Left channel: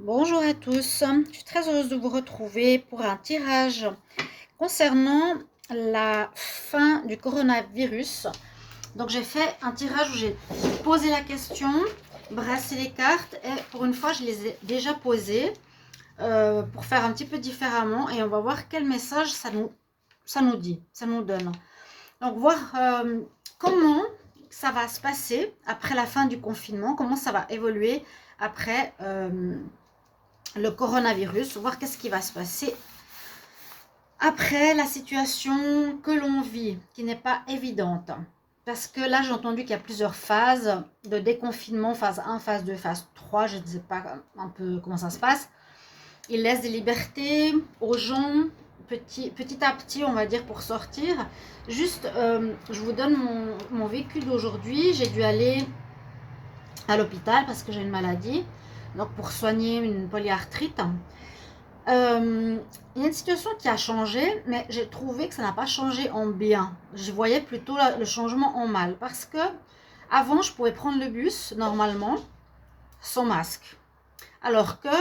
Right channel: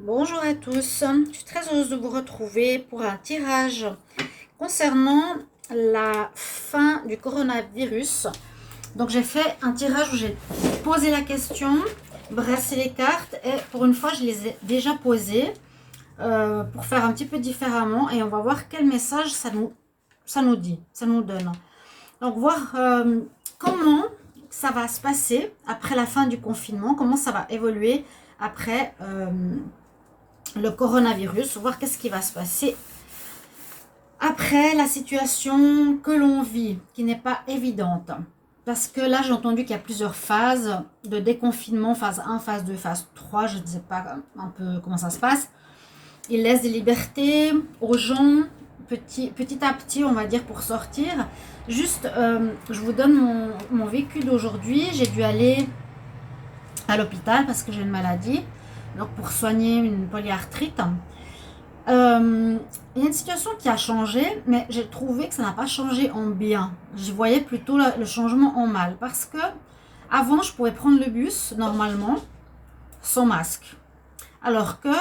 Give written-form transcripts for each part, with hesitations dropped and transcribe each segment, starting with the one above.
Bonjour à tous, je suis très heureuse de vous retrouver pour un tirage concernant la fin du coronavirus. Donc j'ai fait un tirage où j'ai posé la question, brassé les cartes et pour une fois je les ai déjà posées pour faire un petit peu différemment et on va voir quel message ça nous dit, ça nous donne. Donc voir comment ça va se passer après la fin du confinement, comment ça va évoluer après le coronavirus, voir qu'est-ce qui va se passer après la situation que l'on vit, qui n'est pas évidente. Parce que là, j'ai entendu qu'il y a plusieurs phases de déconfinement, phase 1, phase 2, phase 3, je ne sais pas un peu comment ça se passe. Ils laissent des libertés aux gens, petit à petit, on va dire, pour sortir. Juste, je vous donne mon vécu d'aujourd'hui. J'ai dû aller à l'hôpital parce que j'ai une maladie, donc pour soigner une polyarthrite. Il y a une situation qui a changé, mais j'ai trouvé que ça n'a pas changé en bien. Je voyais plutôt le changement en mal. Parce que avant, je pouvais prendre le bus normalement sans masque. Alors que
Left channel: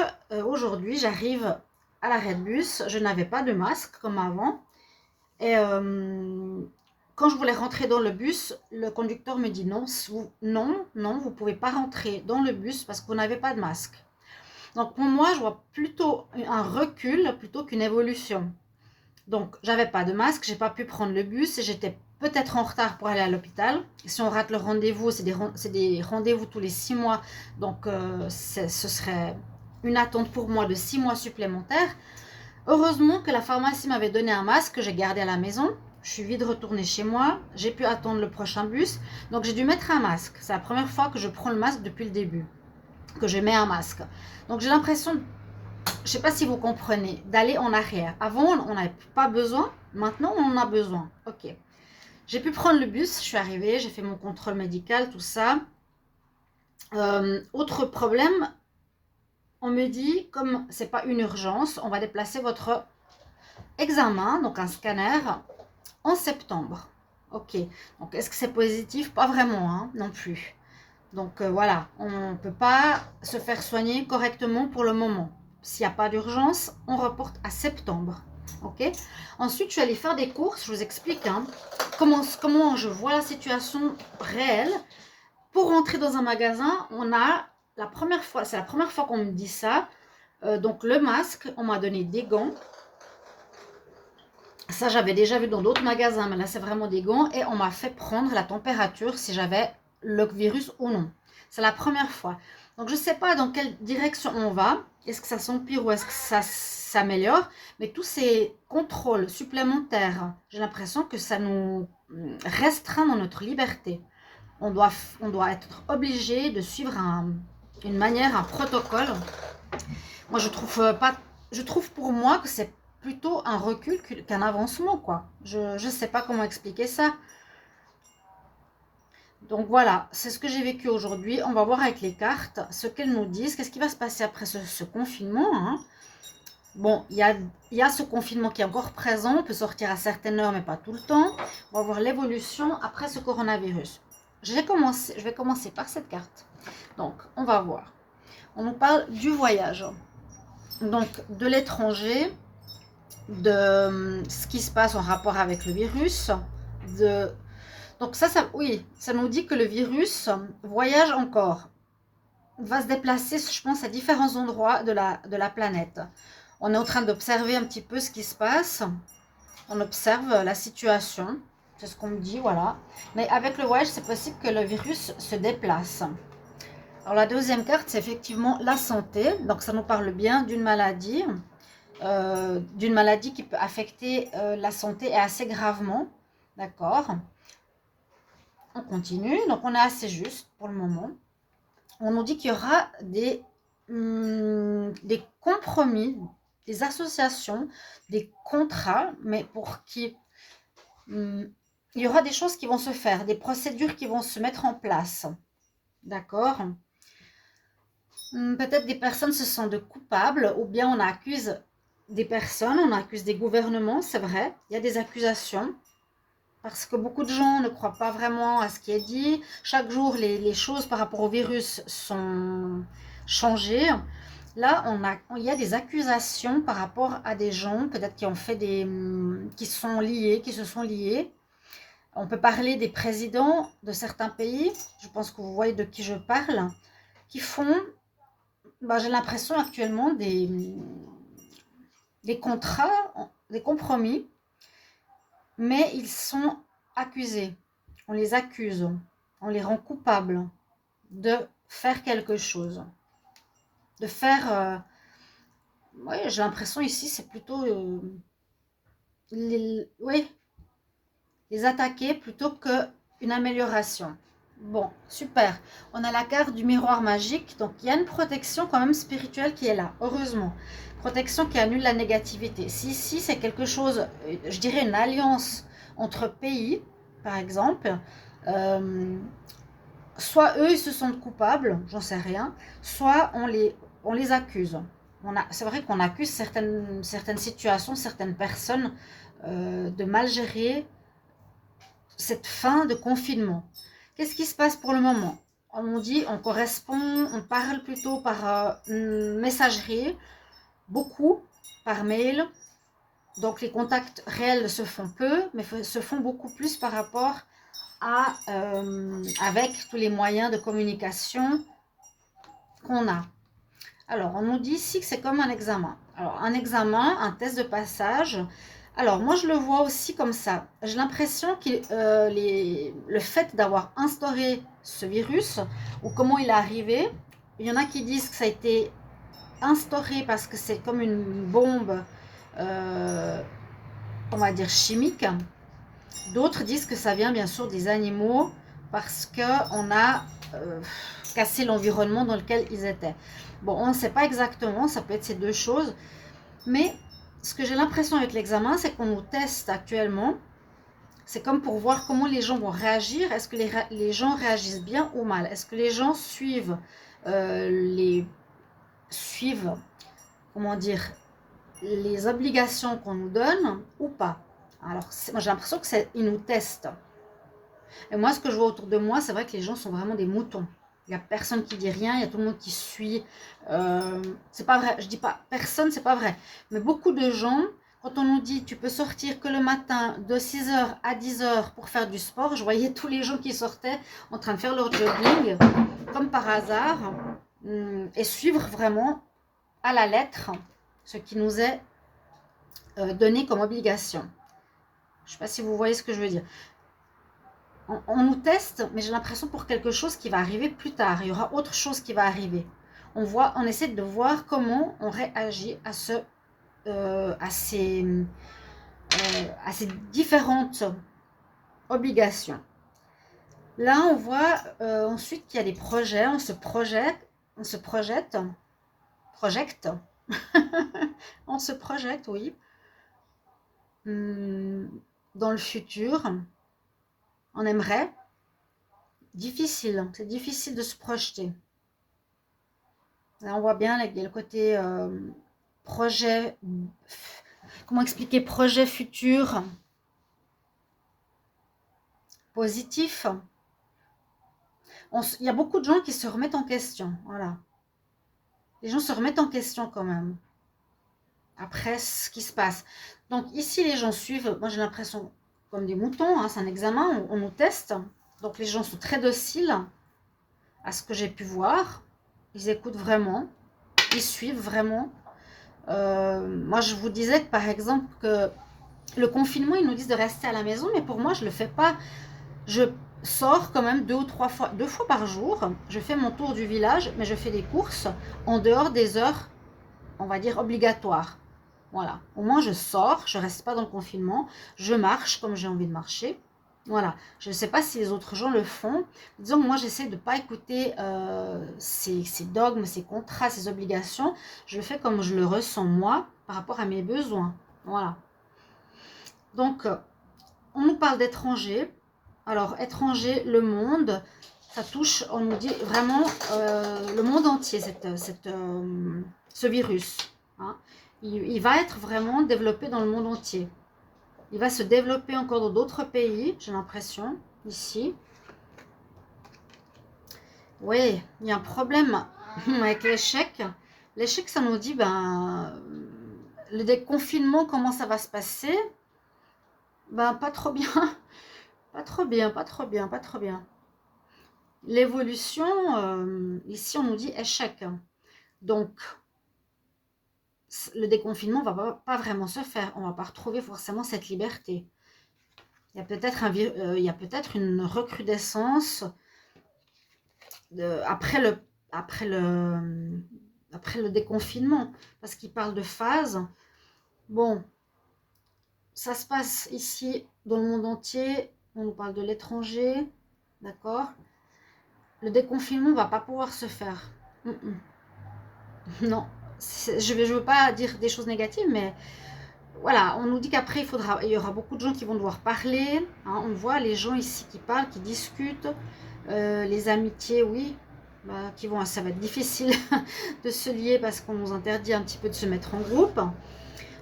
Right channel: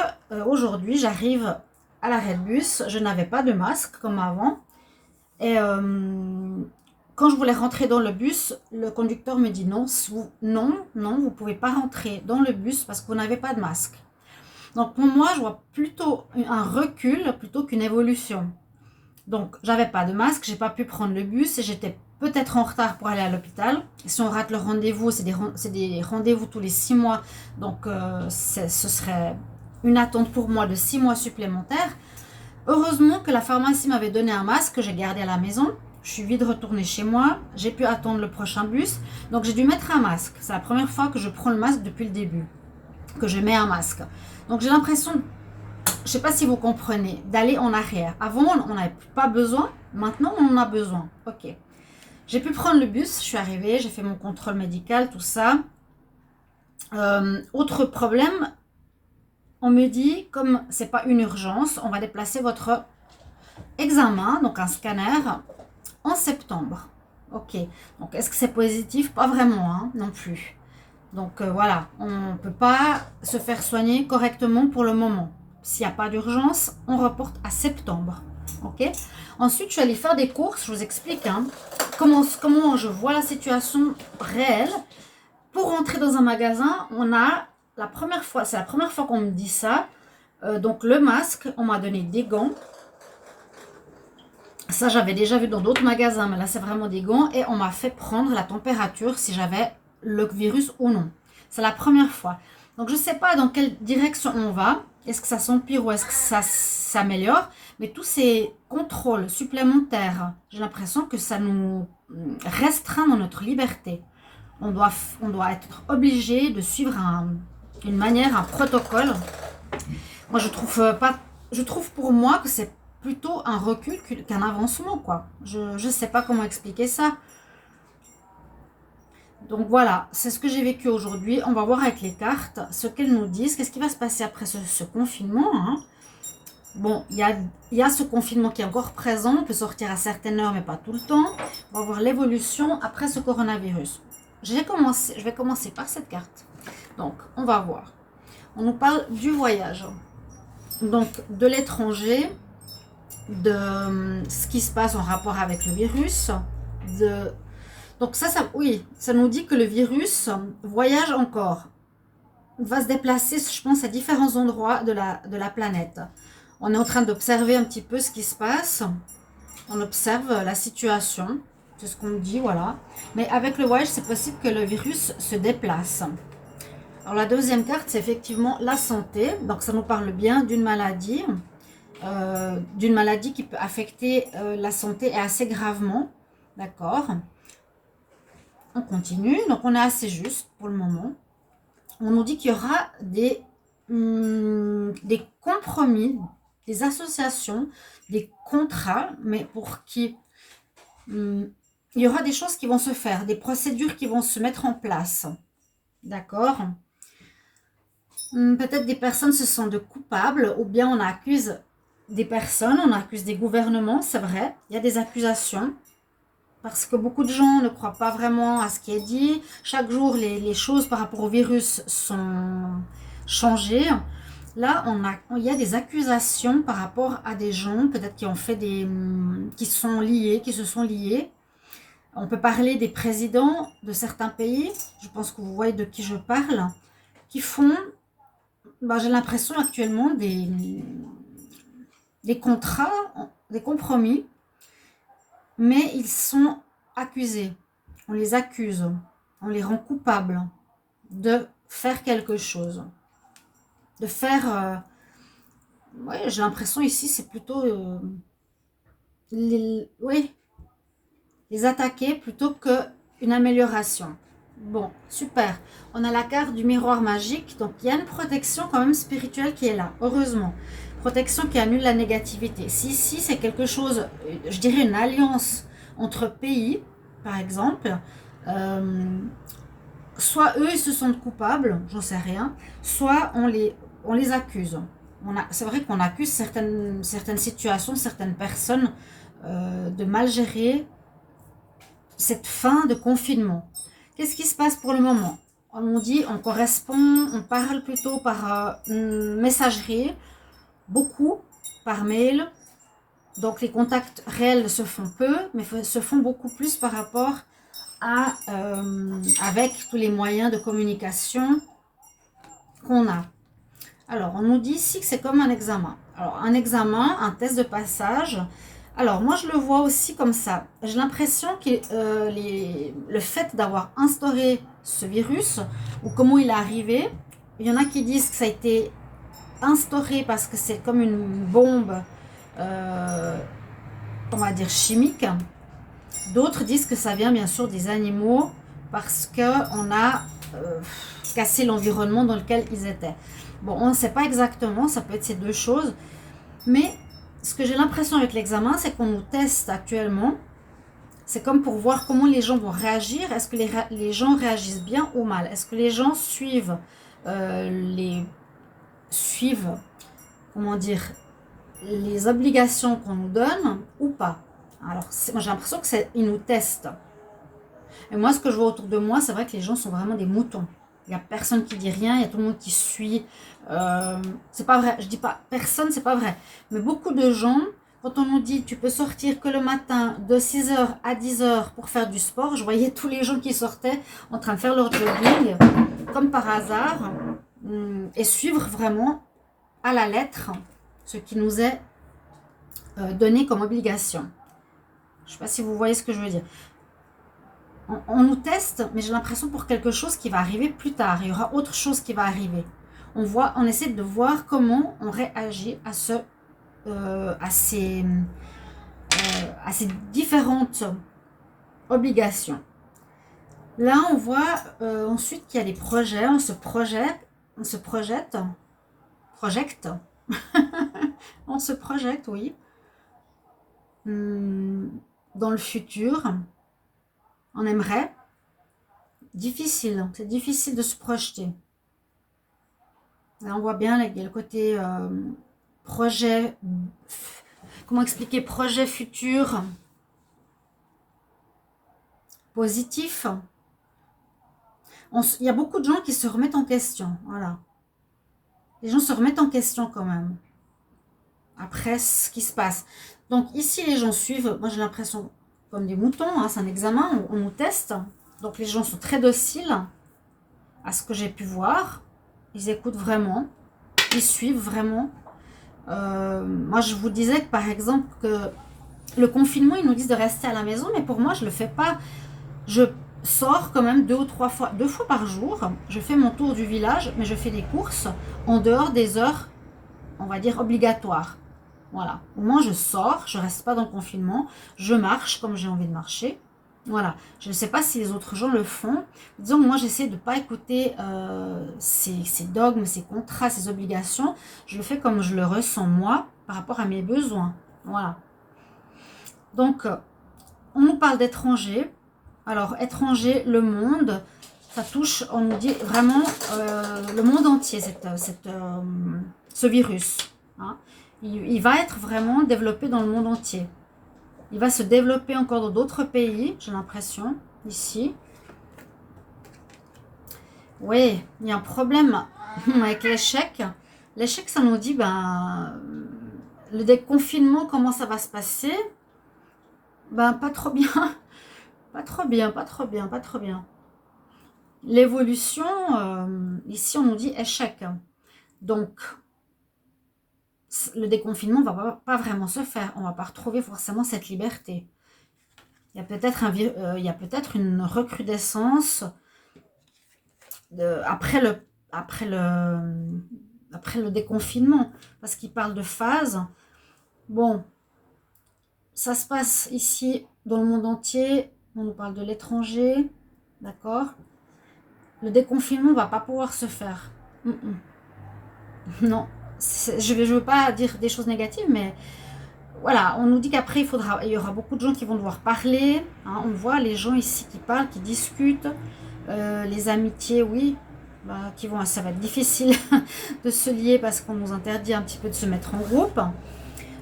aujourd'hui, j'arrive à l'arrêt de bus, je n'avais pas de masque comme avant. Et quand je voulais rentrer dans le bus, le conducteur me dit non, non, vous ne pouvez pas rentrer dans le bus parce que vous n'avez pas de masque. Donc pour moi, je vois plutôt un recul plutôt qu'une évolution. Donc j'avais pas de masque, j'ai pas pu prendre le bus et j'étais peut-être en retard pour aller à l'hôpital. Si on rate le rendez-vous, c'est des rendez-vous tous les 6 mois, donc ce serait une attente pour moi de 6 mois supplémentaires. Heureusement que la pharmacie m'avait donné un masque que j'ai gardé à la maison. Je suis vite retournée chez moi, j'ai pu attendre le prochain bus, donc j'ai dû mettre un masque. C'est la première fois que je prends le masque depuis le début, que je mets un masque. Donc j'ai l'impression, je ne sais pas si vous comprenez, d'aller en arrière. Avant, on n'avait pas besoin, maintenant on en a besoin. Ok. J'ai pu prendre le bus, je suis arrivée, j'ai fait mon contrôle médical, tout ça. Autre problème, on me dit, comme c'est pas une urgence, on va déplacer votre examen, donc un scanner, en septembre. Ok. Donc est-ce que c'est positif? Pas vraiment, hein, non plus. Donc voilà, on ne peut pas se faire soigner correctement pour le moment. S'il n'y a pas d'urgence, on reporte à septembre. Ok. Ensuite, je suis allée faire des courses. Je vous explique hein, comment je vois la situation réelle. Pour rentrer dans un magasin, on a la première fois, c'est la première fois qu'on me dit ça. Donc le masque, on m'a donné des gants. Ça, j'avais déjà vu dans d'autres magasins, mais là, c'est vraiment des gants. Et on m'a fait prendre la température si j'avais le virus ou non. C'est la première fois. Donc, je ne sais pas dans quelle direction on va. Est-ce que ça s'empire ou est-ce que ça s'améliore? Mais tous ces contrôles supplémentaires, j'ai l'impression que ça nous restreint dans notre liberté. On doit être obligé de suivre une manière, un protocole. Moi, je trouve pour moi que c'est plutôt un recul qu'un avancement, quoi. Je ne sais pas comment expliquer ça. Donc voilà, c'est ce que j'ai vécu aujourd'hui. On va voir avec les cartes ce qu'elles nous disent. Qu'est-ce qui va se passer après ce confinement hein. Bon, il y a ce confinement qui est encore présent. On peut sortir à certaines heures, mais pas tout le temps. On va voir l'évolution après ce coronavirus. Je vais commencer par cette carte. Donc, on va voir. On nous parle du voyage. Donc, de l'étranger, de ce qui se passe en rapport avec le virus. Donc oui, ça nous dit que le virus voyage encore, va se déplacer, je pense, à différents endroits de la planète. On est en train d'observer un petit peu ce qui se passe. On observe la situation. C'est ce qu'on me dit, voilà. Mais avec le voyage, c'est possible que le virus se déplace. Alors la deuxième carte, c'est effectivement la santé. Donc ça nous parle bien d'une maladie qui peut affecter la santé et assez gravement. D'accord. On continue. Donc on est assez juste pour le moment. On nous dit qu'il y aura des compromis, des associations, des contrats, mais pour qui il y aura des choses qui vont se faire, des procédures qui vont se mettre en place. D'accord. Peut-être des personnes se sentent coupables ou bien on accuse des personnes, on accuse des gouvernements, c'est vrai, il y a des accusations parce que beaucoup de gens ne croient pas vraiment à ce qui est dit. Chaque jour, les choses par rapport au virus sont changées. Là, il y a des accusations par rapport à des gens, peut-être qui ont fait qui sont liés, qui se sont liés. On peut parler des présidents de certains pays, je pense que vous voyez de qui je parle, qui font, bah, j'ai l'impression actuellement, des contrats, des compromis, mais ils sont accusés. On les accuse, on les rend coupables de faire quelque chose, de faire... ouais, j'ai l'impression ici, c'est plutôt... oui, les attaquer plutôt qu'une amélioration. Bon, super. On a la carte du miroir magique, donc il y a une protection quand même spirituelle qui est là, heureusement. Protection qui annule la négativité. Si ici c'est quelque chose, je dirais une alliance entre pays, par exemple, euh, soit eux ils se sentent coupables, j'en sais rien, soit on les accuse. C'est vrai qu'on accuse certaines situations, certaines personnes de mal gérer cette fin de confinement. Qu'est-ce qui se passe pour le moment? On dit, on correspond, on parle plutôt par messagerie, beaucoup par mail. Donc les contacts réels se font peu, mais se font beaucoup plus par rapport à avec tous les moyens de communication qu'on a. Alors, on nous dit ici que c'est comme un examen. Alors, un examen, un test de passage. Alors, moi, je le vois aussi comme ça. J'ai l'impression que le fait d'avoir instauré ce virus, ou comment il est arrivé, il y en a qui disent que ça a été instauré parce que c'est comme une bombe, euh, on va dire chimique. D'autres disent que ça vient bien sûr des animaux parce qu'on a cassé l'environnement dans lequel ils étaient. Bon, on ne sait pas exactement, ça peut être ces deux choses, mais ce que j'ai l'impression avec l'examen, c'est qu'on nous teste actuellement. C'est comme pour voir comment les gens vont réagir. Est-ce que les gens réagissent bien ou mal? Est-ce que les gens suivent, comment dire, les obligations qu'on nous donne ou pas? Alors, moi, j'ai l'impression qu'ils nous testent. Et moi, ce que je vois autour de moi, c'est vrai que les gens sont vraiment des moutons. Il n'y a personne qui dit rien, il y a tout le monde qui suit. C'est pas vrai, je dis pas personne, c'est pas vrai. Mais beaucoup de gens, quand on nous dit tu peux sortir que le matin de 6h à 10h pour faire du sport, je voyais tous les gens qui sortaient en train de faire leur jogging, comme par hasard, et suivre vraiment à la lettre ce qui nous est donné comme obligation. Je ne sais pas si vous voyez ce que je veux dire. On nous teste, mais j'ai l'impression pour quelque chose qui va arriver plus tard. Il y aura autre chose qui va arriver. On essaie de voir comment on réagit à ces différentes obligations. Là, on voit ensuite qu'il y a des projets, on se projette, on se projette, oui, dans le futur. On aimerait. Difficile, c'est difficile de se projeter. Là, on voit bien le côté projet, comment expliquer, projet futur positif. Il y a beaucoup de gens qui se remettent en question. Voilà. Les gens se remettent en question quand même. Après ce qui se passe. Donc ici, les gens suivent, moi j'ai l'impression, comme des moutons, hein, c'est un examen, on nous teste. Donc les gens sont très dociles à ce que j'ai pu voir. Ils écoutent vraiment. Ils suivent vraiment. Moi, je vous disais que, par exemple, que le confinement, ils nous disent de rester à la maison, mais pour moi, je ne le fais pas. Je sors quand même 2 fois par jour. Je fais mon tour du village, mais je fais des courses en dehors des heures, on va dire, obligatoires. Voilà. Au moins, je sors, je ne reste pas dans le confinement. Je marche comme j'ai envie de marcher. Voilà. Je ne sais pas si les autres gens le font. Disons, moi, j'essaie de ne pas écouter ces dogmes, ces contrats, ces obligations. Je le fais comme je le ressens, moi, par rapport à mes besoins. Voilà. Donc, on nous parle d'étrangers. Alors, étranger, le monde, ça touche, on nous dit vraiment le monde entier, ce virus. Hein. Il va être vraiment développé dans le monde entier. Il va se développer encore dans d'autres pays, j'ai l'impression, ici. Oui, il y a un problème avec l'échec. L'échec, ça nous dit, ben, le déconfinement, comment ça va se passer? Ben, pas trop bien, pas trop bien, pas trop bien, pas trop bien. L'évolution, ici, on nous dit échec. Donc, le déconfinement ne va pas vraiment se faire. On ne va pas retrouver forcément cette liberté. Il y a peut-être il y a peut-être une recrudescence après après le, après le déconfinement, parce qu'il parle de phase. Bon, ça se passe ici dans le monde entier. On nous parle de l'étranger, d'accord? Le déconfinement ne va pas pouvoir se faire. Mm, mm. Non, je ne veux pas dire des choses négatives, mais voilà, on nous dit qu'après, il y aura beaucoup de gens qui vont devoir parler. Hein, on voit les gens ici qui parlent, qui discutent. Les amitiés, oui, bah, ça va être difficile de se lier parce qu'on nous interdit un petit peu de se mettre en groupe.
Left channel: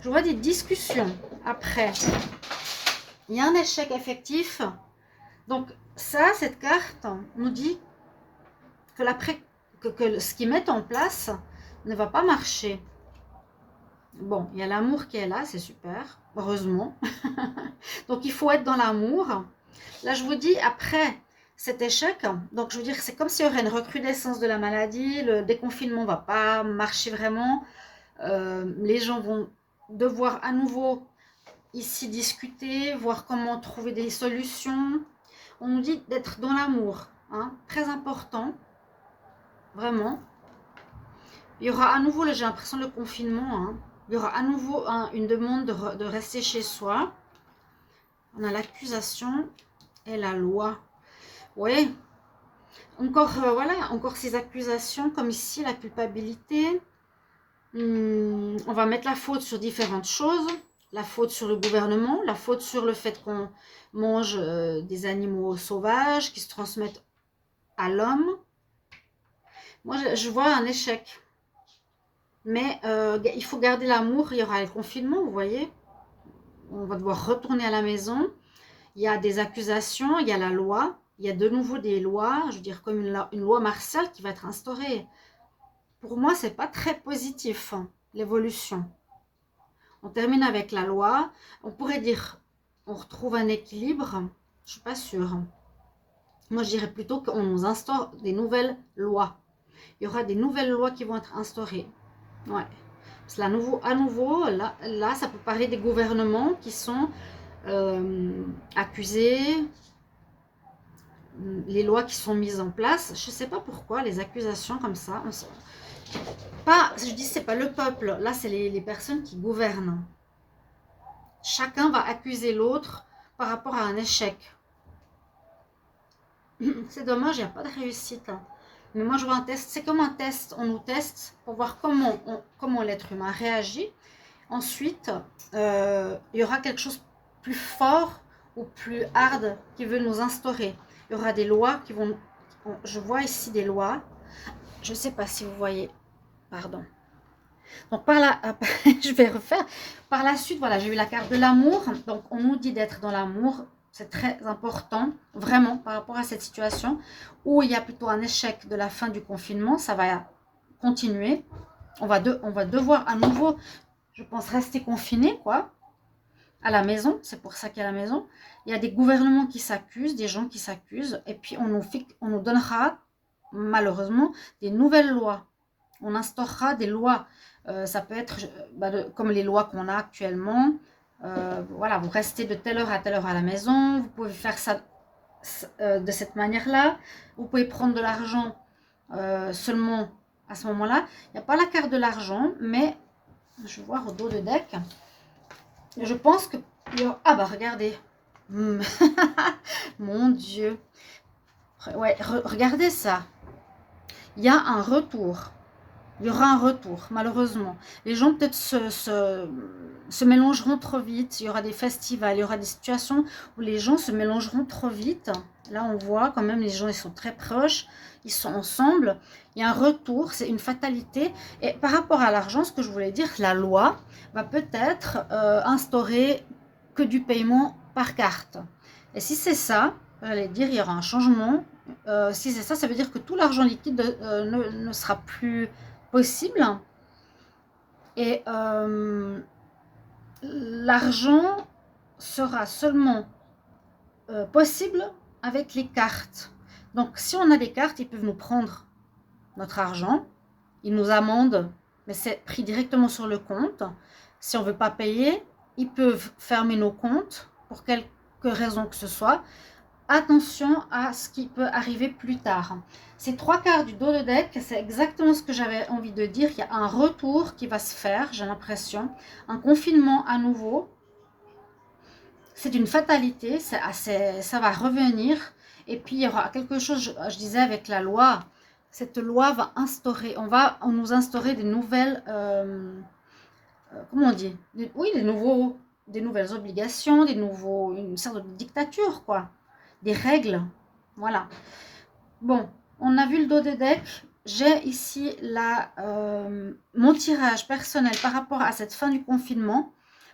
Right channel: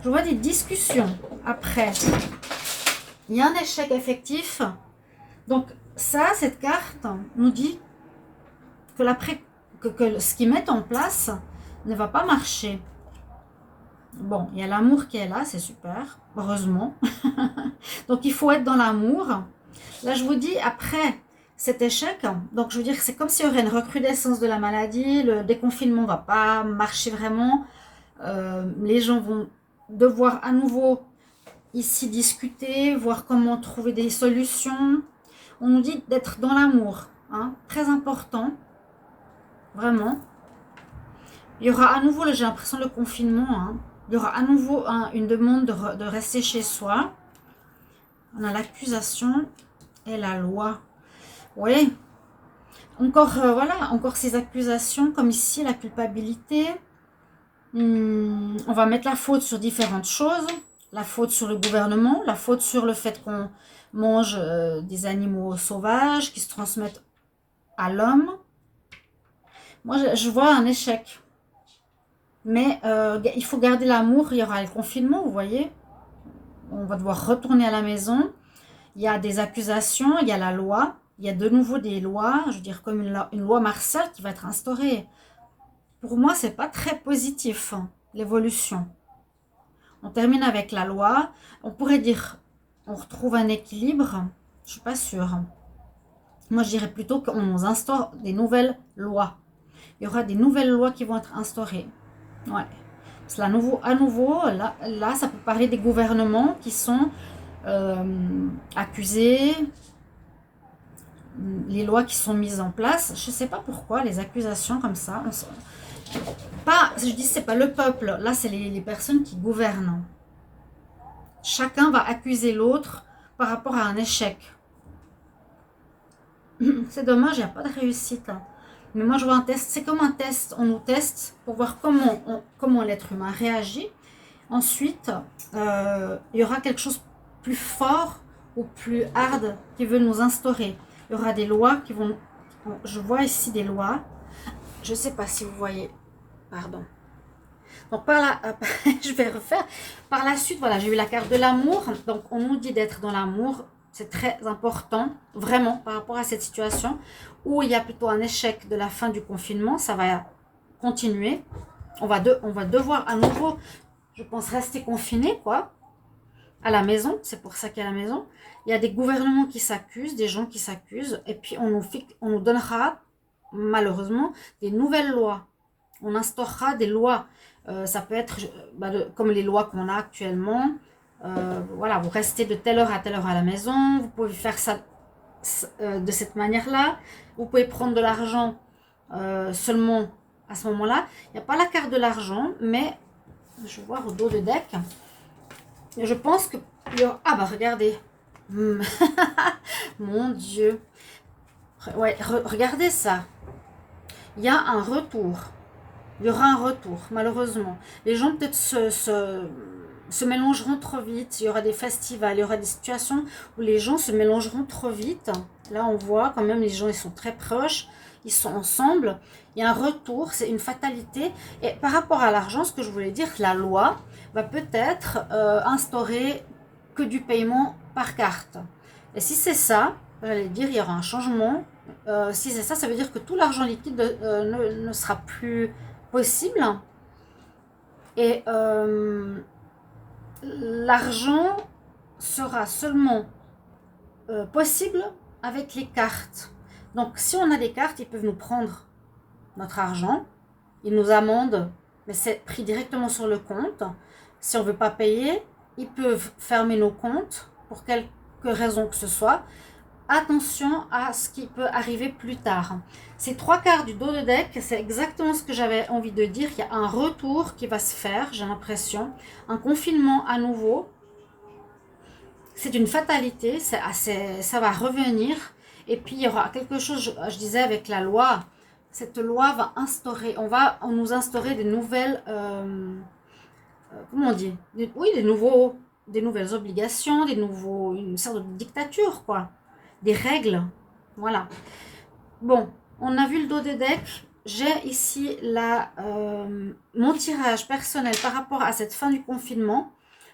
Je vois des discussions après. Il y a un échec effectif. Donc ça, cette carte nous dit que, que ce qu'ils mettent en place ne va pas marcher. Bon, il y a l'amour qui est là, c'est super, heureusement. Donc il faut être dans l'amour. Là, je vous dis, après cet échec, donc je veux dire, c'est comme s'il y aurait une recrudescence de la maladie, le déconfinement ne va pas marcher vraiment. Les gens vont devoir à nouveau ici discuter, voir comment trouver des solutions. On nous dit d'être dans l'amour, hein, très important, vraiment. Il y aura à nouveau, j'ai l'impression, le confinement. Hein. Il y aura à nouveau une demande de rester chez soi. On a l'accusation et la loi. Oui. Encore, voilà, encore ces accusations, comme ici, la culpabilité. On va mettre la faute sur différentes choses. La faute sur le gouvernement, la faute sur le fait qu'on mange des animaux sauvages qui se transmettent à l'homme. Moi, je vois un échec. Mais il faut garder l'amour, il y aura le confinement, vous voyez. On va devoir retourner à la maison. Il y a des accusations, il y a la loi. Il y a de nouveau des lois, je veux dire comme une loi martiale qui va être instaurée. Pour moi, c'est pas très positif, hein, l'évolution. On termine avec la loi. On pourrait dire, on retrouve un équilibre. Je suis pas sûre. Moi, je dirais plutôt qu'on nous instaure des nouvelles lois. Il y aura des nouvelles lois qui vont être instaurées. Ouais. Parce que à nouveau là, ça peut parler des gouvernements qui sont accusés, les lois qui sont mises en place. Je ne sais pas pourquoi, les accusations comme ça. Pas, je dis, c'est pas le peuple. Là, c'est les personnes qui gouvernent. Chacun va accuser l'autre par rapport à un échec. C'est dommage, il n'y a pas de réussite. Hein. Mais moi, je vois un test. C'est comme un test. On nous teste pour voir comment l'être humain réagit. Ensuite, il y aura quelque chose de plus fort ou plus hard qui veut nous instaurer. Il y aura des lois qui vont... Je vois ici des lois. Je ne sais pas si vous voyez. Pardon. Donc par là, je vais refaire. Par la suite, voilà, j'ai eu la carte de l'amour. Donc on nous dit d'être dans l'amour. C'est très important, vraiment, par rapport à cette situation où il y a plutôt un échec de la fin du confinement. Ça va continuer. On va devoir à nouveau, je pense, rester confiné, quoi, à la maison. C'est pour ça qu'il y a la maison. Il y a des gouvernements qui s'accusent, des gens qui s'accusent. Et puis on nous donnera, malheureusement, des nouvelles lois. On instaurera des lois. Ça peut être comme les lois qu'on a actuellement. Voilà, vous restez de telle heure à la maison. Vous pouvez faire ça de cette manière-là. Vous pouvez prendre de l'argent seulement à ce moment-là. Il n'y a pas la carte de l'argent, mais je vais voir au dos de deck. Je pense que... Ah bah regardez. Mon Dieu. Ouais, regardez ça. Il y a un retour. Il y aura un retour, malheureusement. Les gens peut-être se mélangeront trop vite. Il y aura des festivals, il y aura des situations où les gens se mélangeront trop vite. Là, on voit quand même les gens, ils sont très proches, ils sont ensemble. Il y a un retour, c'est une fatalité. Et par rapport à l'argent, ce que je voulais dire, la loi va peut-être instaurer que du paiement par carte. Et si c'est ça, j'allais dire, il y aura un changement. Si c'est ça, ça veut dire que tout l'argent liquide ne sera plus possible. Et l'argent sera seulement possible avec les cartes. Donc, si on a des cartes, ils peuvent nous prendre notre argent, ils nous amendent, mais c'est pris directement sur le compte. Si on ne veut pas payer, ils peuvent fermer nos comptes pour quelque raison que ce soit. Attention à ce qui peut arriver plus tard. Ces 3 quarts du dos de deck, c'est exactement ce que j'avais envie de dire. Il y a un retour qui va se faire, j'ai l'impression. Un confinement à nouveau. C'est une fatalité, ça va revenir. Et puis il y aura quelque chose, je disais avec la loi, cette loi va instaurer, on nous instaurer des nouvelles, comment on dit, oui, des nouvelles obligations, une sorte de dictature, quoi, des règles, voilà. Bon, on a vu le dos des decks. J'ai ici mon tirage personnel par rapport à cette fin du confinement.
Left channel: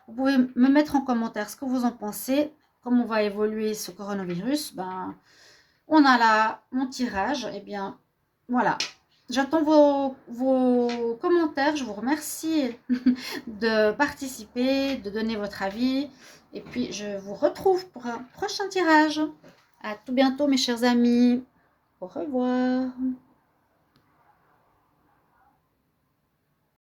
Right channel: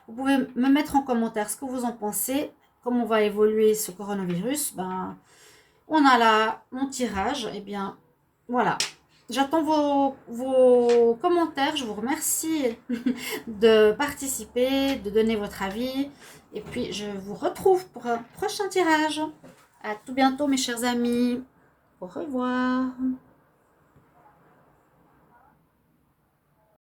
Vous pouvez me mettre en commentaire ce que vous en pensez, comment va évoluer ce coronavirus. Ben, on a mon tirage. Eh bien, voilà. J'attends vos commentaires. Je vous remercie de participer, de donner votre avis. Et puis, je vous retrouve pour un prochain tirage. À tout bientôt, mes chers amis. Au revoir.